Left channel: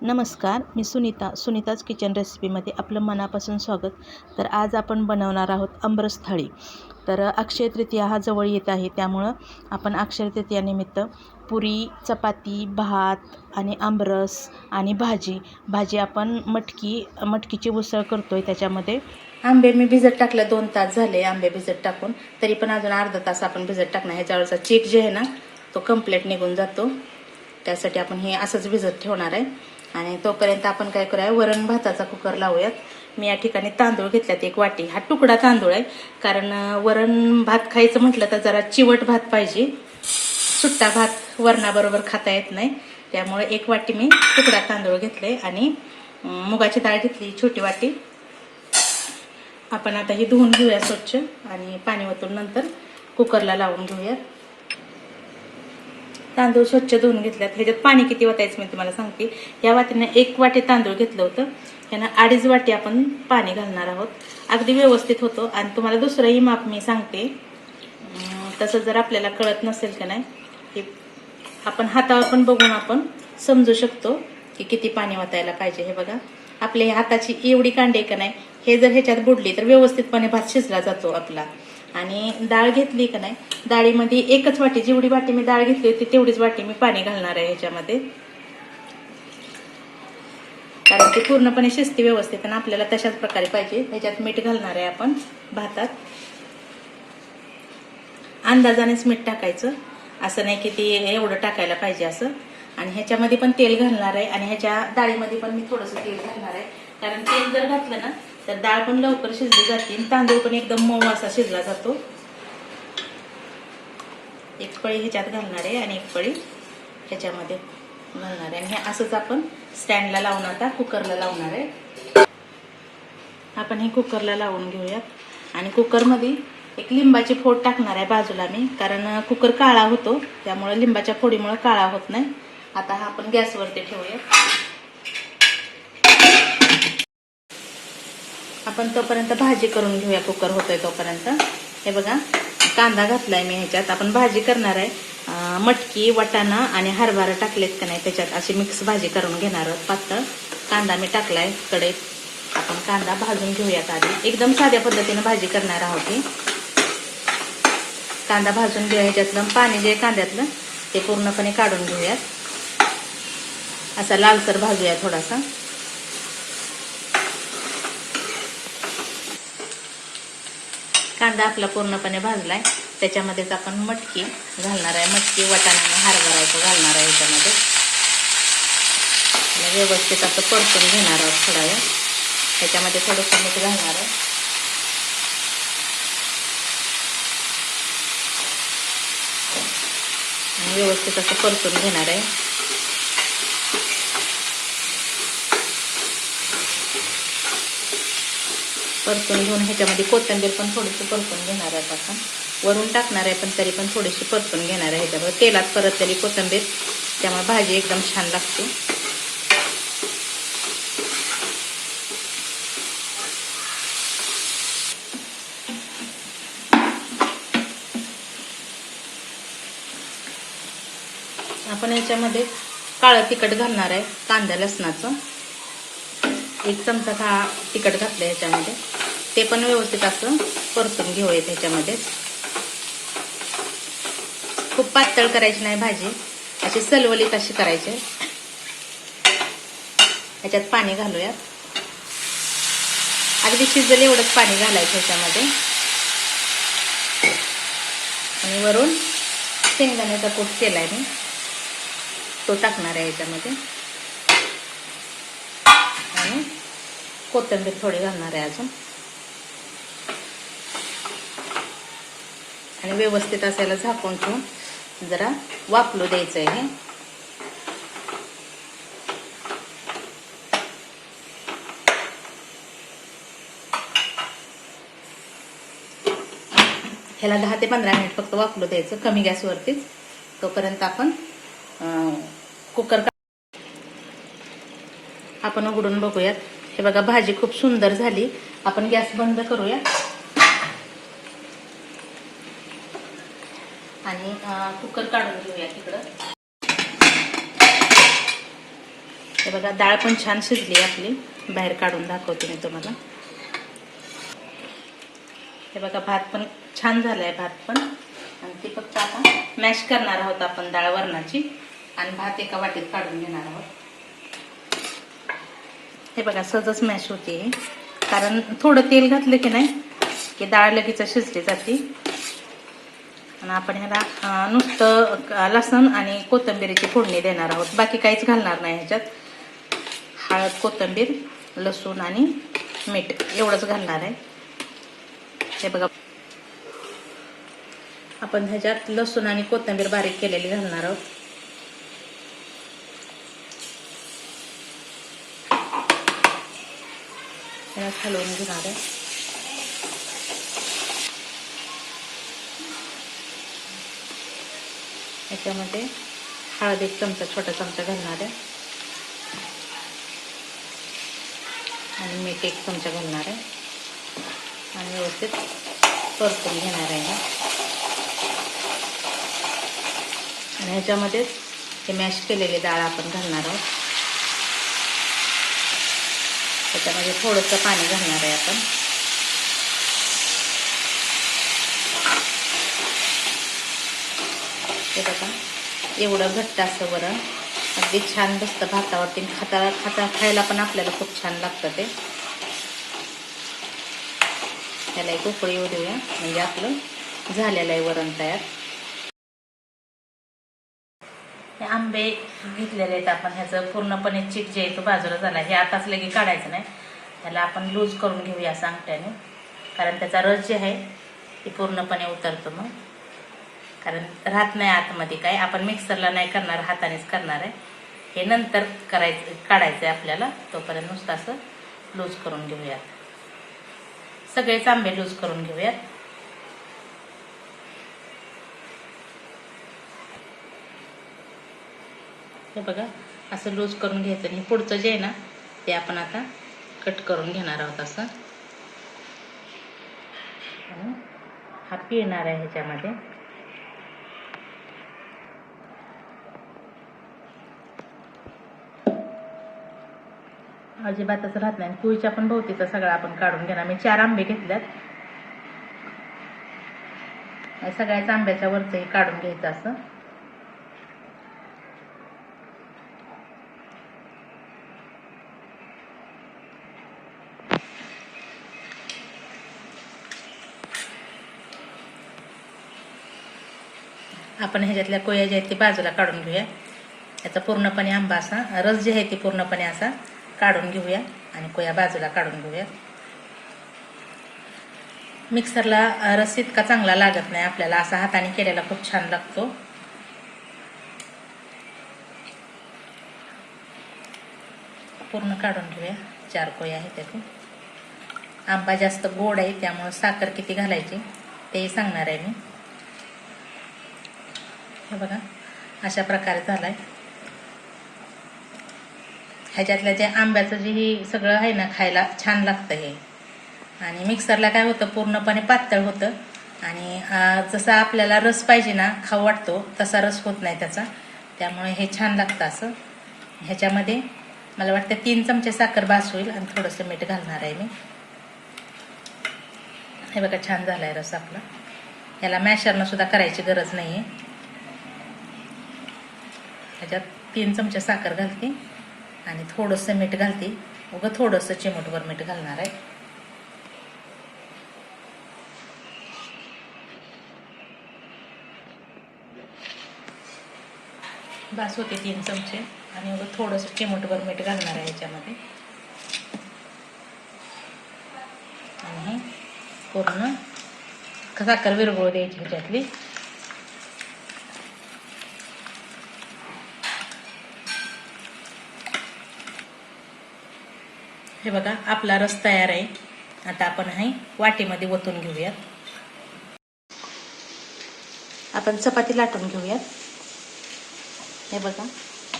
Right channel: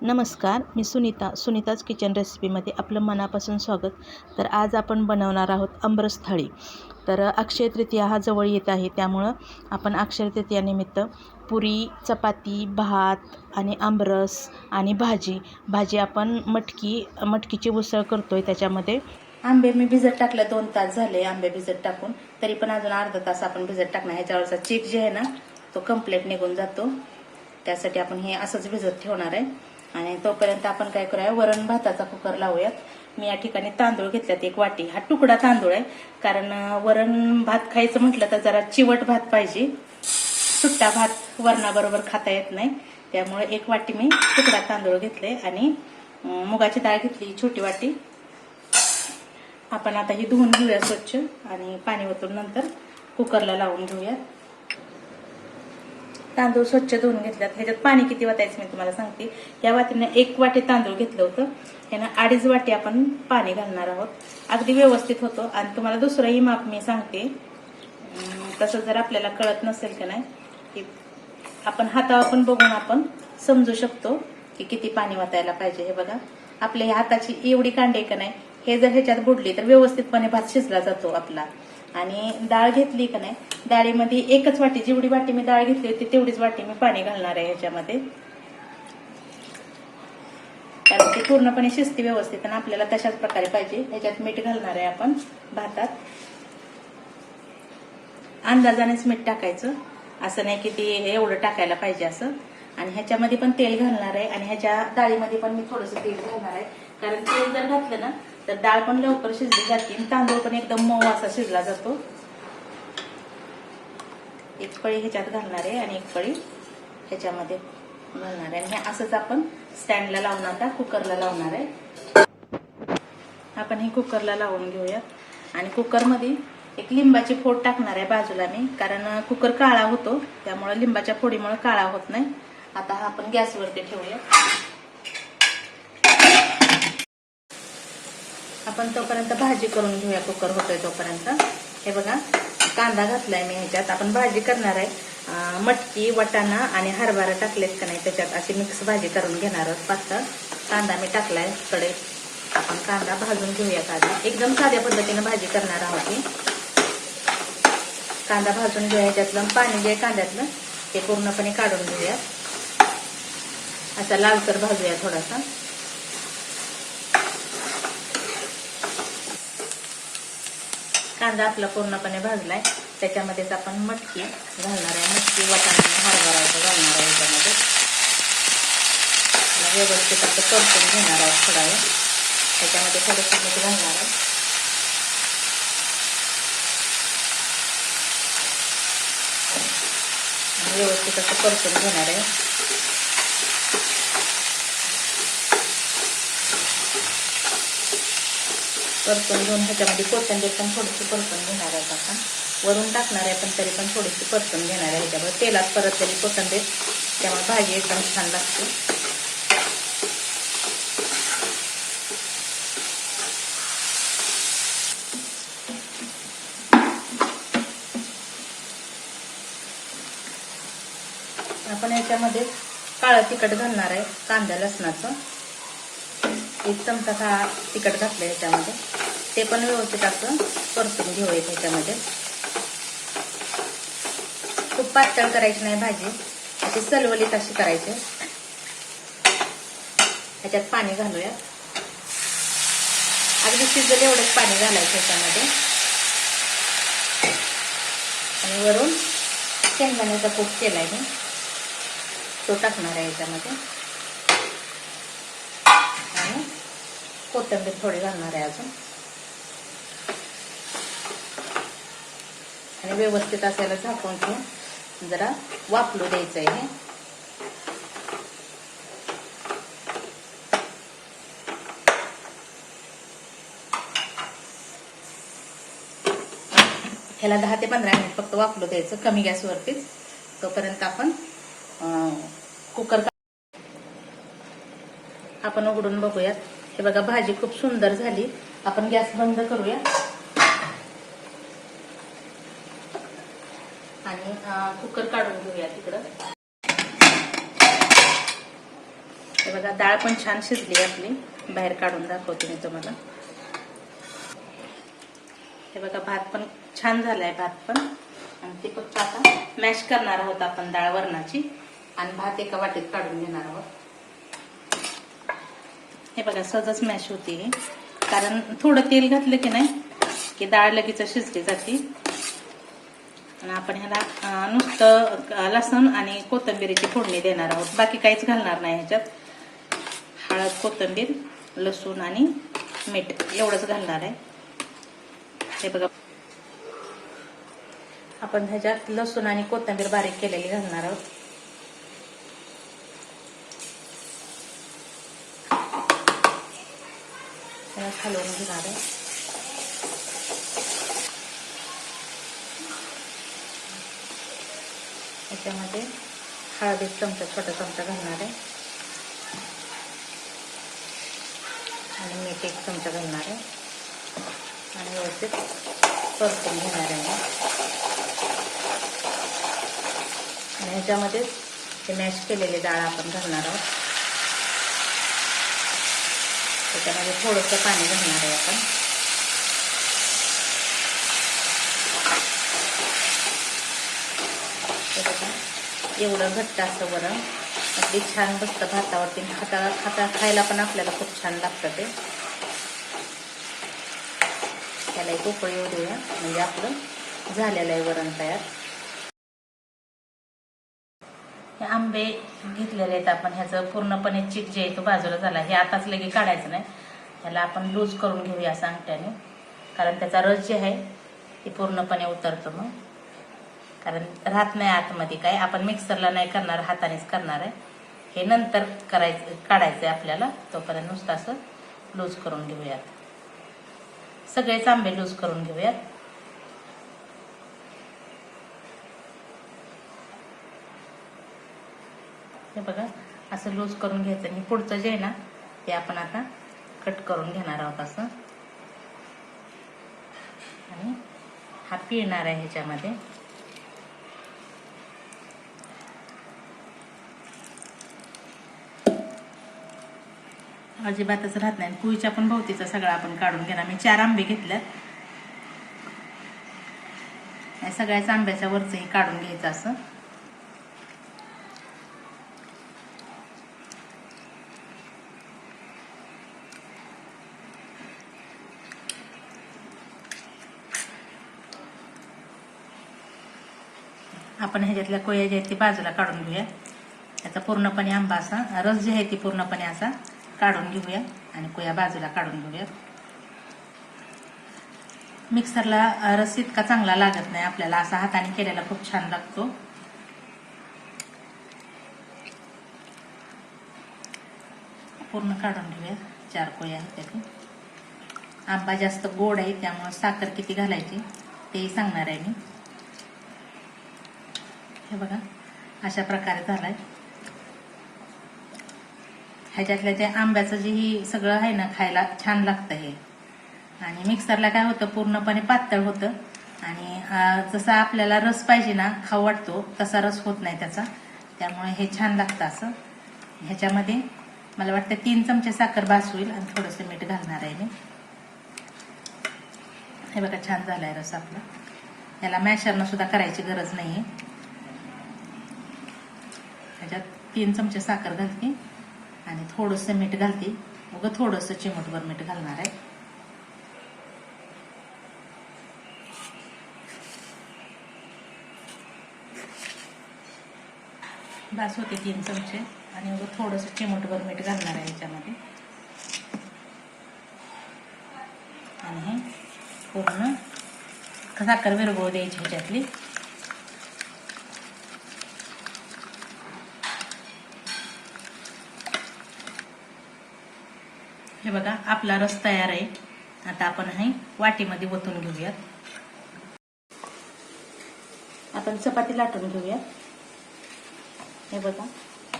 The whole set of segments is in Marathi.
नमस्कार, मी सुनीताज किचन रेसिपीमध्ये आपलं मनापासून स्वागत. तर आज आपण बनवणार आहोत आमरस थाळी. तर अक्षय तृतीया हा जवळ येत आहे, त्यामुळं आपण अक्षय तृतीयानिमित्त पुरी, चपाती, भात आणि आमरस आणि भाजी आपण मटकीची उसळ करतो आहे. त्याच्यामध्ये आंबे मी भिजत टाकलं, 2 तास झाले आंबे भिजत टाकून. तरी पण अजून अर्धा तास आपण भिजत टाकणार. ह्याच्यावरचा चीक जे आहे ना तो कंप्लीट निघून जातो. त्यासाठी आपण हे असंच भिजत ठेवणार आहे. आणि तोपर्यंत आपण काय करूया, वरण भाताचा कुकर लावूयात. मी या ठिकाणी तांदूळ घेतल्यात 1 वाटी. हा तुकडा तांदूळ आहे, कारण वरण भात खायचं म्हटलं तर जरा चिवट भात पाहिजे. सुट्टा भात वरणाबरोबर खाता येत नाही, त्यामुळे 1 वाटी मी तुकडा तांदूळ घेतले. आणि मुगाची डाळ घेतली छोटी वाटी. आपण आता ही धुवून घेऊया स्वच्छ आणि पाणी ओतून नंतर कुकरला लावून घेऊया. तांदूळ स्वच्छ धुवून घेतल्यात. ह्याच्यात पाणी किती ओतायचं मी तुम्हाला सांगते. या वाटीने 1 वाटी तांदूळ घेतलं होतं, ह्यानं 2.5 वाटी आपण पाणी घालणार आहोत. अगदी व्यवस्थित होतं. आणि तुम्हाला दुसरंही माप मी सांगते, तसं जर आपल्याला कळत नसेल का नाही, की आपण हातावर पण बघून आपण समजू शकतो की किती पाणी ओतायला पाहिजे. हे बघा, आपल्या हाताची एवढी कांडे का नाही, हे जर ह्याच्यात बुडली तर व्यवस्थितपणे भात शिजला जातो आपला. आणि डाळ घेतली का नाही, डाळीमध्ये 1च वाटी, जेवढी वाटी मी डाळ घेतली होती तेवढीच वाटी मी पाणी घालणार आहे ह्याच्यामध्ये, कारण ते पूर्णपणे शिजते व्यवस्थित आणि आपल्याला तशाच प्रकारे पाहिजे. ह्याच्यात मीठ घालणार आहे आपण भातात. अंदाजानेच मीठ टाकायचं, असं नाही की ते एवढं टाकायला पाहिजे असं. आणि ह्याच्यामध्ये पण तेल घालणार आहे आणि ह्याच्या डाळीमध्ये पण मी थोडंसं तेल घालणार आहे, कारण तेल जर घातलं ना तर डाळ पण लवकर शिजली जाते आणि तांदूळ पण एकदम मऊ असा शिजला जातो. 1 पळी ह्याच्यात घालणार आहे आणि 1 पळी ह्याच्यामध्ये घालणार आहे. आणि हे असंच आपण स्टँडला लावून आता कुकरला लावणार आहे. आपण हे कुकरला लावून घेऊयात. आणि कुकरमध्ये 1 लिंबाची फोड टाकणार आहे बाजूला मी, कारण कुकर काळा होतो, त्यामुळे लिंबाच्या फोडीमुळे काळा होत नाही. आता हा आपण गॅसवरती ठेवूया. आपण तोपर्यंत भाजी करून घेऊया, कुकर होतोय तोपर्यंत. हे बघा, कांदा घातलाय मी ह्याच्यात. आपण भाजी करणार आहे, मटकी, वटाणा आणि हरभरा टाकलेत का नाही त्याच्यात, अशी मिक्स भाजी करून घेणार आहोत. पातळ कांदा मी टाकलाय कढईत. आपण कांदा भाजून घेऊयात आधी. एकदम साध्या पद्धतीने भाजी करणार आहोत ही. कांदा भाजून घेऊया. ह्याच्यातलं पाणी जे कांद्यातलं ते पूर्णपणे काढून घेऊयात. असा लालसर भाजूया थोडासा. कांदा आपला पूर्णपणे भाजलाय. त्याच्यामध्येच आपण मटकी घालणार आहे. मटकी, वटाणा आणि हरभरा घालणार आहे ह्याच्यामध्ये. व्यवस्थित असं परतून घेणार आहोत थोडा वेळ. त्याच्यामध्ये थोडंसं मीठ घालणार आहे. आणि व्यवस्थित असं परतून घेणार आहे. परतून घेऊन ह्याच्यामध्ये कोथिंबीर पण थोडीशी परतून घेणार आहे आपण. वरून टाकणार आहे पण तरी पण थोडीशी परतून घेणार आहे ह्याच्यावर. तेलात परतलेली कोथिंबीर, त्यामुळे भाजी एकदम छान लागते. आपण याच्यामध्ये काळं तिखट घालणार आहे, कांदा लसणाचं 1 चमचा तिखट घातलं ह्याच्यामध्ये. ते पण व्यवस्थित असं परतून घेऊयात ह्याच्यामध्ये. खूप पातळ करायची नाही भाजी, अशी सलवलीत अशी करायची. ह्याच्यात पाणी घालूया. अगदी शिजलं एवढंच पाणी घालायचं ह्याच्यामध्ये. आणि वरून शेंगदाण्याचा कूट केलाय मी, तो टाकणार आहे ह्याच्यामध्ये. आणि कोथिंबीर थोडी घालणार आहे अजून. आणि व्यवस्थित असायला झाकून ठेवून जरा वाफलू द्यायचं आहे. ह्याला 10 ते 15 मिनिट फक्त वाफलू द्यायचं, कमी गॅसवरतीच. तोपर्यंत आपण कुकर आपण उघडून बघूयात. हे बघा, भाजी खूप सुंदर झाली. आपण गॅस बंद करूया आणि कुकर काढून घेऊया तिकडं. हे बघा डाळ पण छान शिजली आपली, बाहेर काढून दाखवते मी तुम्हाला. हे बघा भात पण छान झालाय, भात पण. आणि ती फक्त आता मॅश करणार आहोत आपण डाळ वरणाची, आणि भात एका वाटीत काढून घेणार आहोत. हे बघा सहजच मॅश होते, कारण थोडं तेल घातलं की नाही की डाळ लगेच शिजली जाते. आणि आपण ह्याला नुसतं लसूण आणि कोथिंबीरीची फोडणी देणार आहोत, बाकी काहीच घालणार नाही ह्याच्यात. हळद, कोथिंबीर, लसूण आणि मीठ एवढंच घालणार आहे. हे बघा आपण ह्याच्यात लसूण आणि कोथिंबीर बारीक केलेली घालणार आहोत. त्याला हलवून घेणार आहे. ह्याच्यामध्ये हळद 1 चमचा, छोटा चमचा घालणार आहे, आणि मीठ 1 चमचा घालणार आहे, आणि व्यवस्थित परतून घेणार आहे. आणि ह्याच्यामध्ये ते मॅश केलेली डाळ आपण घालणार आहोत. त्याच्यामध्ये थोडंसं पाणी घालणार आहे आपण. एवढं घट्ट असं बरं, अगदी छान बसतं भातावरती. खायला पण आपल्याला खूप छान लागतं ते. त्याला एक उकळी येऊ देऊया, म्हणजे आपलं झालेलं आहे वरण तयार. हे आंबे घेतलेले आहेत आपण, ह्याचं पूर्णपणे चिक जे आहे तो बाजूला झाला. हे आताच लगे काढायचं नाही, त्याला आपण लूज करून घेऊया असं अंगठ्याने, कारण त्याचा रस जे आहे ते पूर्णपणे उतरतो मग, कारण राहत नाही आतमध्ये काय. आपण मिक्सरला नाही करणार, हातानेच करणार आहे. हे नंतर काढायचं आहे आपल्याला, तोपर्यंत नुसतं असं लूज करून घेऊयात. सगळेच आंबे लूज करून घेऊयात. हे बघा असं लूज करून घ्यायचं. आणि पुढचं जे आहे ना ते आपण आता कट करून घेणार आहोत असं. हा पिळणार आहे ह्याच्यामध्ये. अजिबातच राहत नाही. पोळीच्या पण भोवतीचा सगळा आपण काढून घेणार. मी 4 आंबे घेतल्यात, सगळ्याच आंब्याच्या वरचंही काढून घ्यायचं असं. आपण ह्याच्यातल्या कोया ज्या आहेत ती बाजूला काढून घेऊया. त्याचा पूर्णपणे आंबा असा रस जे आहे ती पूर्णपणे असा काढून घेऊया, आणि कोया बाजूला काढून घेऊया. मिक्सरला रस इतका चांगला लागत नाही आपल्याला, असा हाताने केलेला खूप छान लागतो. पूर्ण काढून घेऊया. 4 कोया आहेत त्यातून. आंबा जास्त गोड आहे, त्यामुळे साखर किती घालायची तेही सांगणार आहे मी. हे बघा अशा प्रकारे झालाय. ह्याच्यातल्या जे आंब्याचं जे ही सगळं आहे ना खायला छान लागतं हे. आणि मिक्सरला काय होतं पूर्णपणे पातळ होतं, आणि जसा आपल्याला रस पाहिजे ना खाऊ वाटतो तसा रस होत नाही त्याचा. त्यामुळे हे छान लागतं असं. ह्याच्यामध्ये मला वाटतं 3 चमचे साखर बास होईल, आणि थोडंसं मीठ घालणार आहे मी. हे बघा छान झालाय रस आपला. याला मॅशरनं सुद्धा करायची गरज नाही आहे. ह्याच्यात 3 चमचे साखर घालते, आणि थोडंसं मीठ घालते. उगं थोडंसं चिमूटभर मीठ घालणार आहे. बास होते 3 चमचे, आणि उगं थोडंसं चिमूटभर मीठ घालणार आहे ह्याच्यामध्ये. आणि हे पूर्ण साखर विरघळू द्यायची ह्याच्यातली. हे बघा आपला रस तयार आहे. आता आपण हे वाटीमध्ये ओतून घेऊयात. आपण चपाती लाटून घेऊयात. हे बघा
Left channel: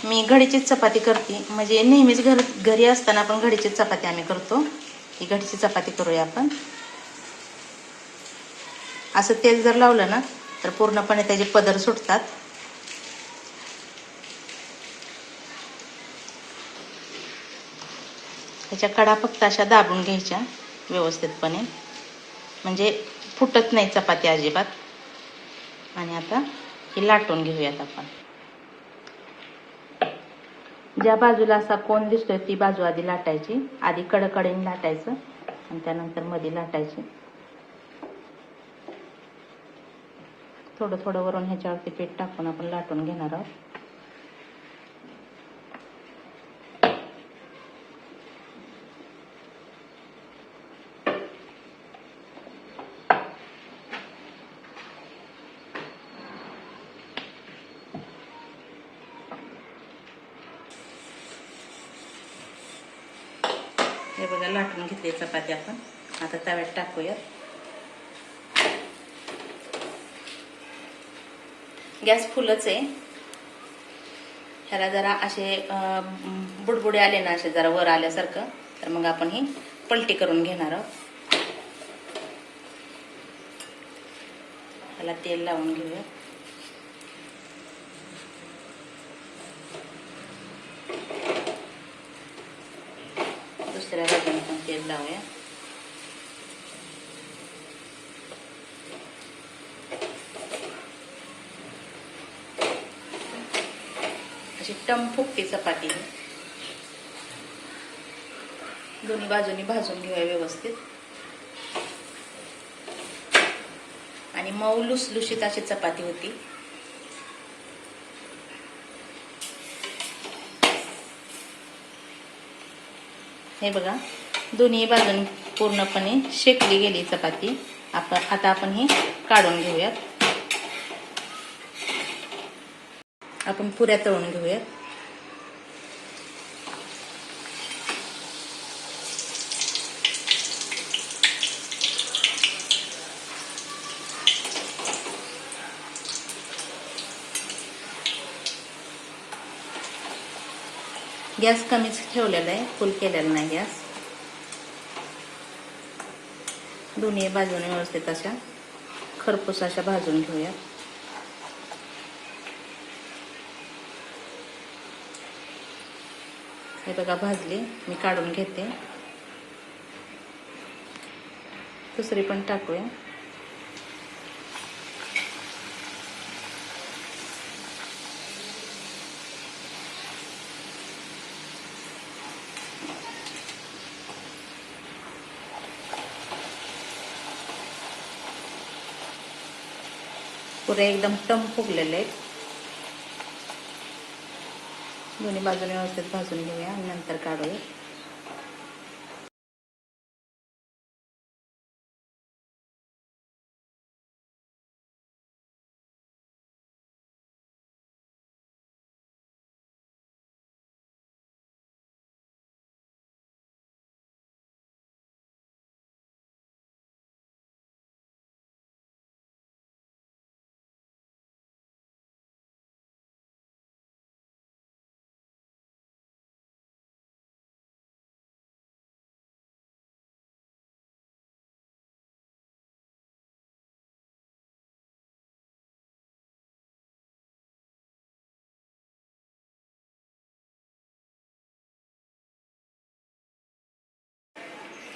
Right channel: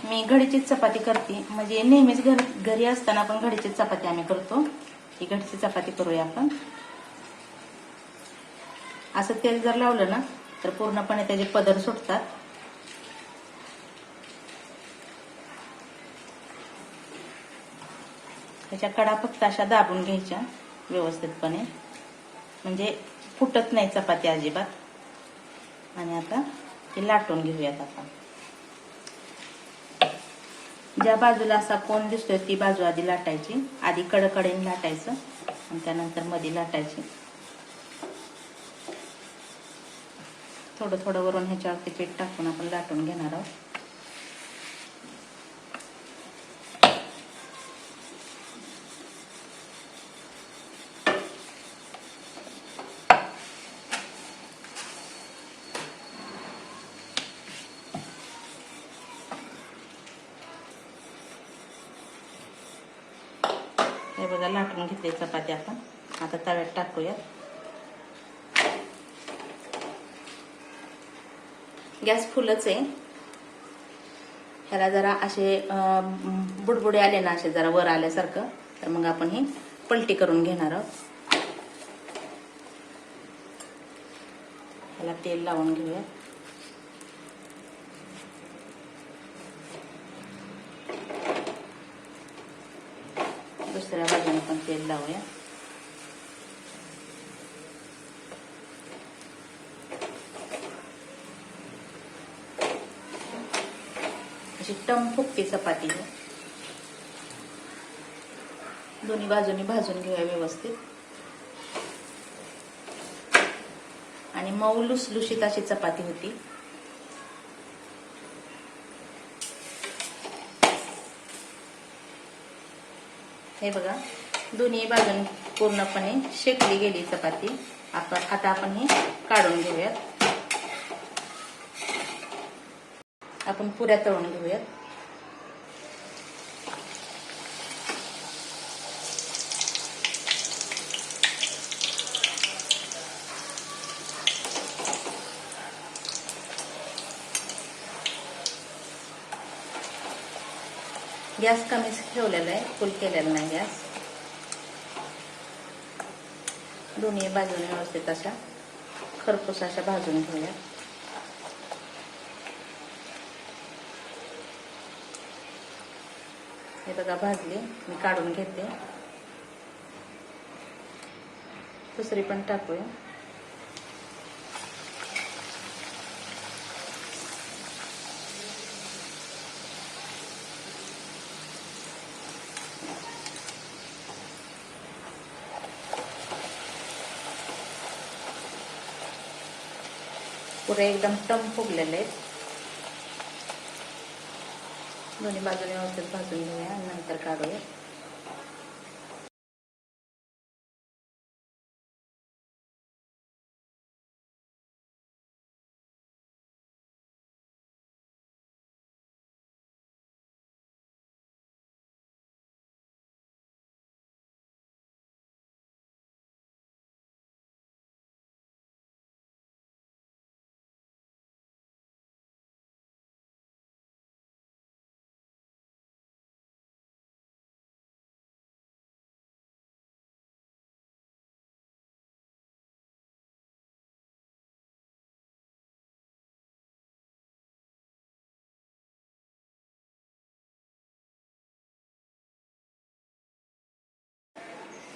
मी घडीचीच चपाती करते, म्हणजे नेहमीच घरी असताना आपण घडीचीच चपाती आम्ही करतो. ही घडीची चपाती करूया आपण. असं तेल जर लावलं ना तर पूर्णपणे त्याचे पदर सुटतात. त्याच्या कडा फक्त अशा दाबून घ्यायच्या व्यवस्थितपणे, म्हणजे फुटत नाही चपाती अजिबात. आणि आता ही लाटून घेऊयात आपण. ज्या बाजूला असा कोण दिसतोय ती बाजू आधी लाटायची. आधी कडकडेने लाटायचं आणि त्यानंतर मध्ये लाटायची. थोडं थोडं वरून ह्याच्यावरती पीठ टाकून आपण लाटून घेणार आहोत. हे बघा लाटून घेतली चपाती आपण. आता तव्यात टाकूया. गॅस फुलच आहे. ह्याला जरा असे बुडबुडे आले ना, असे जरा वर आल्यासारखं, तर मग आपण ही पलटी करून घेणार आहोत. ह्याला तेल लावून घेऊया. दुसऱ्या बाजूने पण तेल लावूया. अशी टम फुगती चपाती. दोन्ही बाजूनी भाजून घेऊया व्यवस्थित. आणि मऊ लुसलुशीत अशी चपाती होती. हे बघा, दोन्ही बाजून पूर्णपणे शेकली गेली चपाती. आता आपण ही काढून घेऊयात. आपण पुऱ्या तळून घेऊयात. गॅस कमीच ठेवलेला आहे, फुल केलेला नाही गॅस. दोन्ही बाजूने व्यवस्थित अशा खरपूस अशा भाजून घेऊया. हे बघा भाजली, मी काढून घेते. दुसरी पण टाकूया. पुरे एकदम टम फुगलेले आहेत. दोन्ही बाजूने व्यवस्थित भाजून घेऊया आणि नंतर काढूया.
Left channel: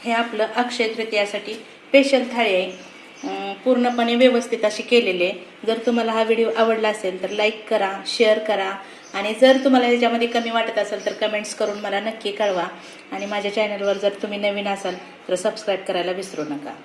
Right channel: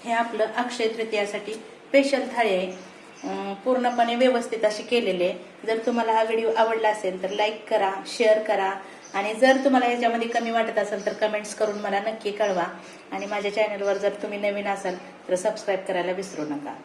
हे आपलं अक्षय तृतीयासाठी स्पेशल थाळी आहे. पूर्णपणे व्यवस्थित अशी केलेली आहे. जर तुम्हाला हा व्हिडिओ आवडला असेल तर लाईक करा, शेअर करा. आणि जर तुम्हाला ह्याच्यामध्ये कमी वाटत असेल तर कमेंट्स करून मला नक्की कळवा. आणि माझ्या चॅनलवर जर तुम्ही नवीन असाल तर सबस्क्राईब करायला विसरू नका.